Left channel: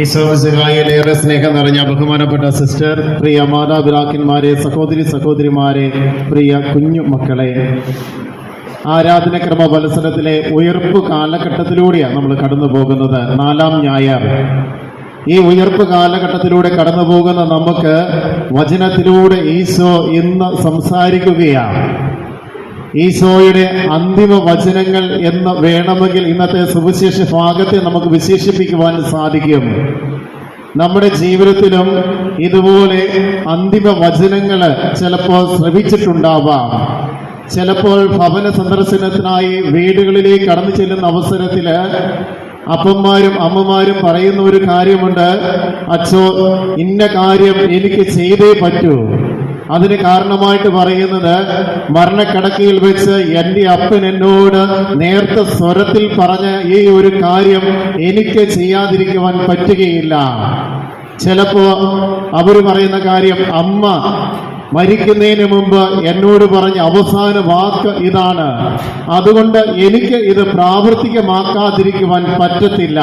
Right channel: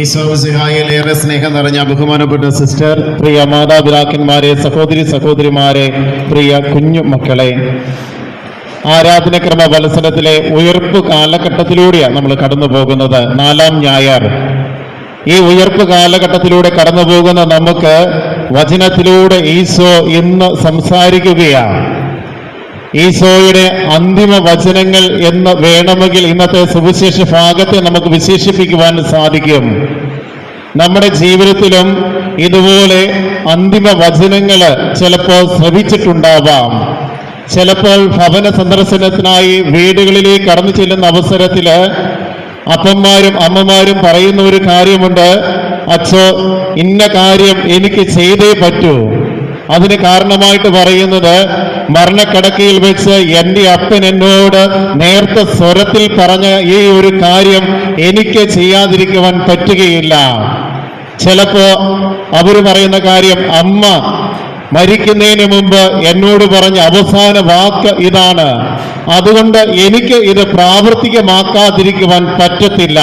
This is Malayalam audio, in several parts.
ഈശോ സിഹായിലേറെ സ്നേഹം നിറഞ്ഞ ബഹുമാനപ്പെട്ട സിസ്റ്റർ പ്രിയ മാതാപിതാക്കന്മാരെ സഹോദരി സഹോദരിമാരെ പ്രിയ കുഞ്ഞു മക്കളെ. ആരാധനക്രമ മത്സരത്തിലെ ഉയർപ്പ് കാലഘട്ടത്തിലൂടെയാണ് നമ്മൾ കടന്നു പോകുന്നത്. നാലാം ഞായർ. ഈ ഉയർപ്പ് കാലഘട്ടത്തിലൂടെ കടന്നു പോകുന്ന നമുക്ക് വചനത്തിലൂടെ ഈശോ ഇന്ന് സംസാരിക്കുകയാണ്. ഈശോയുടെ അന്തിമ വചനങ്ങൾ എന്ന് വേണമെങ്കിൽ ഇന്നത്തെ സുവിശേഷ ഭാഗത്തെ നമുക്ക് വിശേഷിപ്പിക്കുവാൻ സാധിക്കും. നമ്മുടെ ജീവിതത്തിലും ഇതുപോലെ അന്തിമ വചനങ്ങൾ ചിലപ്പോൾ ശ്രവിച്ചിട്ടുണ്ടാവാം. ചിലപ്പോൾ ഭവന സന്ദർശനത്തിനായി വീടുകളിലേക്ക് കടന്നു ചെല്ലുന്ന അവസരത്തിൽ അപ്പന്മാരും അമ്മമാരും പറയുന്ന ഒരു കാര്യമുണ്ട് അച്ഛോ ഇന്ന കാര്യം എനിക്ക് ചെയ്തേ പറ്റൂ. അതിന് കാരണമായിട്ട് പറയുന്നത് മരണക്കിടക്കയിൽ വെച്ച് എന്റെ അപ്പൻ എന്നോട് നേർത്ത സ്വരത്തിൽ പറഞ്ഞ ഈ ഒരു കാര്യം എനിക്ക് ചെയ്യാതിരിക്കുവാൻ പറ്റുകയില്ല. ചിലപ്പോ അവർ പറയുന്ന കാര്യം അമ്മ മരിക്കുന്നതിന് മുമ്പ് എന്നോട് പറഞ്ഞ അവസാന വാക്ക് ഇതാണ്. അതുകൊണ്ട് എനിക്ക് ഇത് പ്രാവർത്തികമാക്കാതിരിക്കുവാൻ പറ്റത്തില്ല.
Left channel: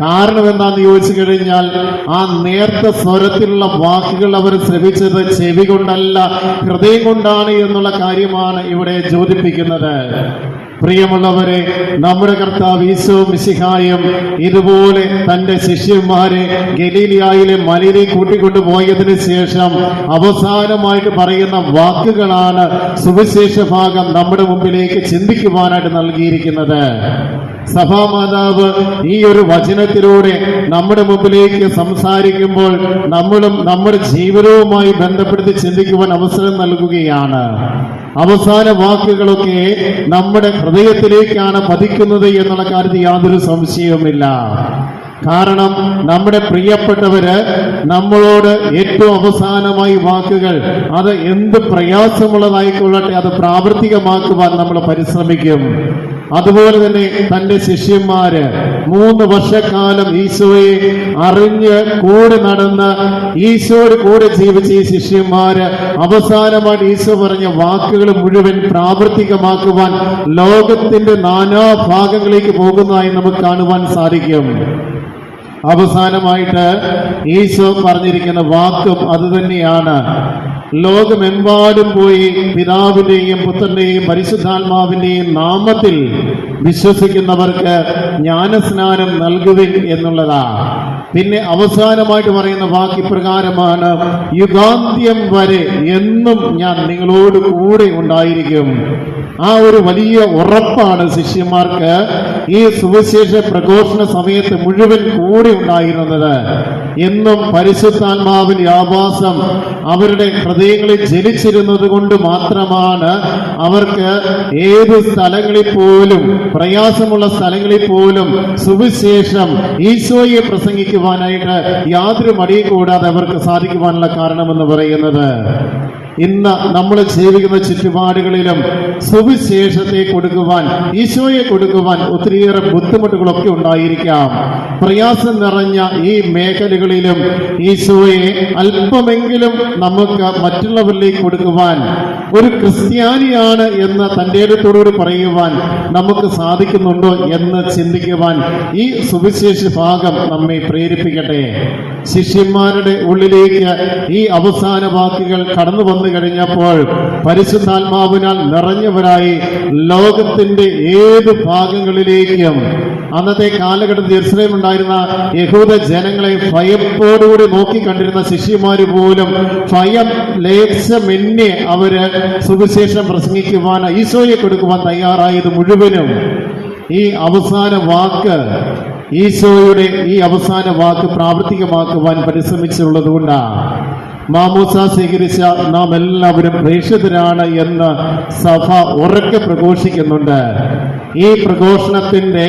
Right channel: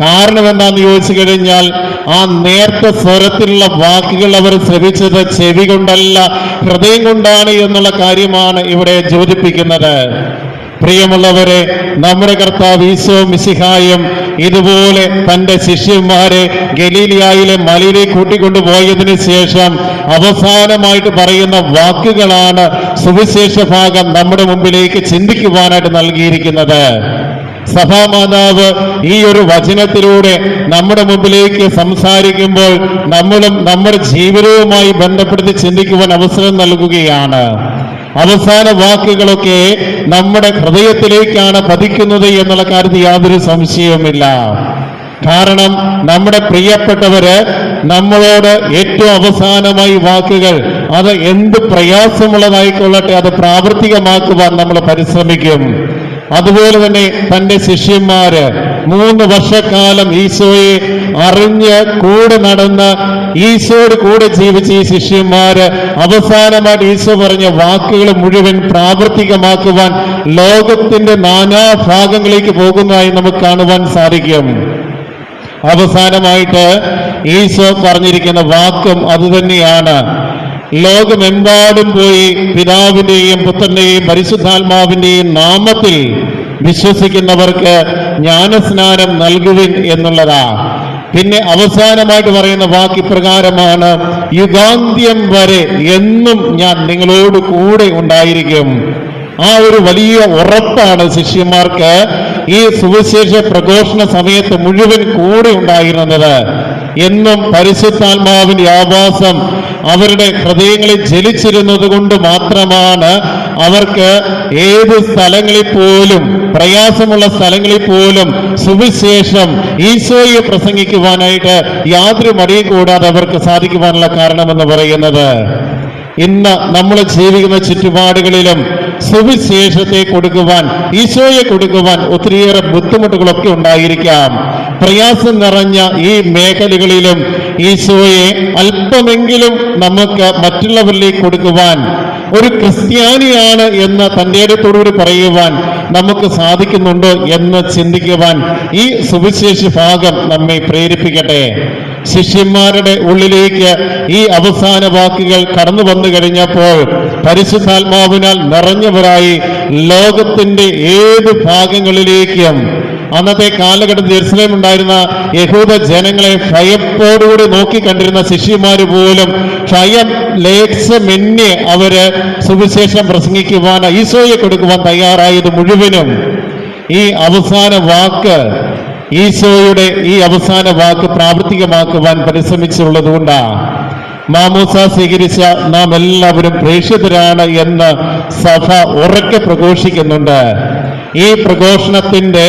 കാരണം എന്താന്ന് ചോദിച്ചു കഴിഞ്ഞാൽ ആ നേർത്ത സ്വരത്തിലുള്ള വാക്കുകൾ അവർ ശ്രവിച്ചത് ചെവി കൊണ്ടല്ല ഹൃദയം കൊണ്ടാണ് എന്നുള്ള കാര്യമാണ് ഇവിടെ യോജിപ്പിക്കുന്നത് പ്രിയമുള്ളവരെ നമ്മുടെ കർത്താവ് ഈശോ മിശിഹായും ഇതുപോലെ തന്റെ ശിഷ്യന്മാരെ ഗലീലിയായിലെ മലയിലേക്ക് കൂട്ടിക്കൊണ്ടുപോയതിനു ശേഷം അവസാനമായിട്ട് പറയുന്ന വാക്കുകളാണ് സുവിശേഷ ഭാഗം നമ്മുടെ മുമ്പിലേക്ക് ചിന്തിക്കുവാനായിട്ട് നൽകിയിരിക്കുന്നത്. സഭാമാതാവ് ഈ ഒരു വചനത്തിലൂടെ നമ്മുടെ മുമ്പിലേക്ക് സംസാരിക്കുമ്പോൾ നമ്മളും നമ്മുടെ ജീവിതവുമായി ബന്ധപ്പെടുത്തി ചിന്തിക്കുവാൻ അവസരം നൽകുകയാണ്. അവസാന വാക്കുകളൊക്കെ നമ്മുടെ ഹൃദയത്തിലേക്കാണ് പതിക്കുന്നത് എന്നുള്ള കാര്യത്തിൽ യാതൊരു സംശയവുമില്ല. കാരണം നമ്മുടെ പ്രിയപ്പെട്ടവര് നമ്മളോട് ഏറ്റവും അവസാനമായി വാക്കുകൾ അത് എന്ത് പ്രയാസമുള്ളതായിക്കൊള്ളട്ടെ അത് പ്രാവർത്തികമാക്കുവാൻ നമ്മൾ പരിശ്രമിക്കും. അതുപോലെ തന്നെ തന്റെ ശിഷ്യന്മാര് മൂന്ന് വർഷക്കാലം ഈശോയെ അറിഞ്ഞ് കൂടെ നടന്ന് ഈശോയുടെ കൂടെ ജീവിച്ച ഈ ശിഷ്യന്മാര് അവസാനമായിട്ട് ഈശോ പറഞ്ഞ വാക്കുകൾ മുഴുവൻ പ്രാവർത്തികമാക്കുവാൻ ലോകത്തിന്റെ നാനാ ഭാഗങ്ങളിലേക്ക് പോകുന്നതായി നമുക്ക് കാണുവാൻ സാധിക്കും. അവസാനമായിട്ട് ഈശോ പറഞ്ഞിരിക്കുന്ന വാക്കും അതുതന്നെയാണ് ലോകമെമ്പാടും പോയി പിതാവിന്റെയും പുത്രന്റെയും പരിശുദ്ധാത്മാവിന്റെയും നാമത്തിൽ വിശ്വസിക്കുന്നവർക്ക് ജ്ഞാനസ്നാനം നൽകുവിൻ എന്നുള്ളതാ. പിന്നെ അവസാനമായിട്ട് പറയുന്ന വാക്ക് പ്രകാരമാണ് യുഗാന്ത്യം വരെ എന്നും ഞാൻ നിങ്ങളോട് കൂടെ ഉണ്ടായിരിക്കും. ആ ഒരു വലിയ ഉറപ്പാണ് ശിഷ്യന്മാർക്ക് ഈ സുവിശേഷ പ്രഘോഷണ സമയത്ത് മുഴുവൻ കൂടെ ഉണ്ടായിരുന്നത്. എന്നും പരിശുദ്ധാത്മാവിന്റെ ആവാസം അവരുടെ ഹൃദയങ്ങളിൽ ജലിച്ചിരുന്നത് കൊണ്ട് മാത്രമാണ് അവർക്ക് ഏത് സ്ഥലങ്ങളിൽ പോലും പ്രയാസമുള്ള സ്ഥലങ്ങളിൽ പോലും സുവിശേഷം ഈശോയെ പ്രസംഗിക്കുവാനായിട്ട് യാതൊരു മടിയും കൂടാതെ അവർക്ക് സാധിക്കുവാനുള്ള കാരണമെന്ന് പറയുന്നത്. ഇന്ന് നമ്മൾ ജീവിക്കുന്ന ചുറ്റുപാടുകളിലും സുവിശേഷത്തെ കൊടുക്കുവാൻ ഈശോയെ കൊടുക്കുവാൻ ഒത്തിരിയേറെ ബുദ്ധിമുട്ടുകളൊക്കെ ഉണ്ടായിരിക്കാം. പ്രയാസം നിറഞ്ഞ ഈ മേഖലകളിലും ഈശോയെ അല്പമെങ്കിലും നമുക്ക് മറ്റുള്ളവരിലേക്ക് കൊടുക്കുവാൻ ഒരു ക്രിസ്ത്യാനിയാണ് എന്ന് തന്റെ അടുത്തോടുകൂടി പറയുവാൻ നമുക്ക് സാധിക്കുന്നുണ്ടോ എന്ന് ചിന്തിക്കുവാൻ ഈ സുവിശേഷ ഭാഗം നമ്മെ പ്രേരിപ്പിക്കട്ടെ. ശിഷ്യന്മാരുടെ ഉള്ളിലേക്ക് ഈ അവസാന വാക്കുകൾ കടന്നു വന്നു കഴിഞ്ഞപ്പോൾ പരിശുദ്ധാത്മാവിനാൽ നിറഞ്ഞവരായി ലോകത്തിന്റെ ഏത് ഭാഗങ്ങളിലേക്കും അന്നത്തെ കാലഘട്ടത്തിൽ ജെറുസലേം ഉണ്ടായിരുന്ന യഹൂദ ജനങ്ങളെ ഭയത്തോടുകൂടി നോക്കിക്കണ്ടിരുന്ന ശിഷ്യന്മാര് പോലും ഭയം ലേഖമെന്യെ അവർ സുവിശേഷം പ്രസംഗിക്കുവാൻ ഈശോയെ കൊടുക്കുവാൻ തയ്യാറായത് മുഴുവനും ഈ അവസാന വാക്ക് ഈശോയുടെ ഈ അവസാന വാക്ക് പ്രാവർത്തികമാക്കുവാൻ പരിശ്രമിച്ചുള്ളത് കൊണ്ടാണ് മാമൂസ സ്വീകരിച്ച നാം എല്ലാവരും പ്രേക്ഷിതരാണ് എന്ന് സഭ ഉറക്കെ പ്രഘോഷിക്കുന്നുണ്ട്. ഈ പ്രഘോഷണത്തിന്റെ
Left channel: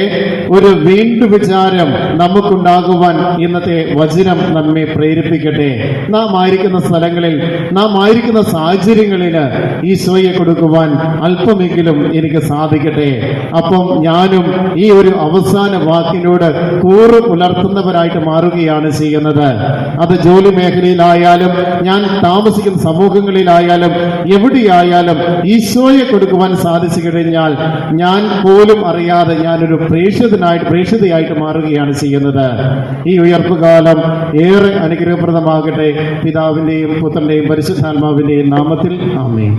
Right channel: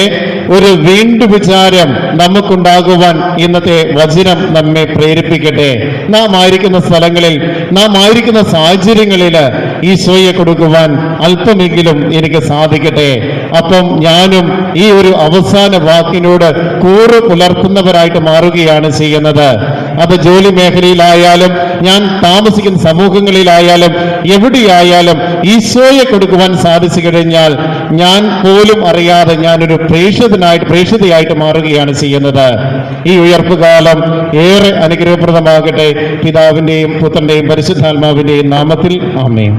ഒരു വീണ്ടു വിചാരം നമുക്കുണ്ടാകുവാൻ ഇന്നത്തെ വചനം നമ്മെ പ്രേരിപ്പിക്കട്ടെ. നാം ആയിരിക്കുന്ന സ്ഥലങ്ങളിൽ നാം ആയിരിക്കുന്ന സാഹചര്യങ്ങളിൽ ഈശോയെ കൊടുക്കുവാൻ അല്പമെങ്കിലും എനിക്ക് സാധിക്കട്ടെ. അപ്പം ഞാനും ഈ ഒരു അവസാന വാക്കിനോട് കൂറ് പുലർത്തുന്നവരായിട്ട് മാറുകയാണ് ചെയ്യുന്നത്. അത് ജോലി മേഖലയിലായാലും ഞാൻ താമസിക്കുന്ന സമൂഹങ്ങളിലായാലും എവിടെയായാലും ഈശോയെ കൊടുക്കുവാൻ സാധിച്ചു കഴിഞ്ഞാൽ ഞാൻ പോലും അറിയാതെ ഞാനൊരു പ്രേക്ഷിതനായിട്ട് പ്രേക്ഷിതയായിട്ട് മാറുകയാണ് ചെയ്യുന്നത്. ഈ ഉയർപ്പ് കാലം ഏറെ അനുഗ്രഹപ്രദമാകട്ടെ. പിതാവിന്റെയും പുത്രന്റെയും പരിശുദ്ധാത്മാവിന്റെയും നാമത്തിൽ ആമേൻ.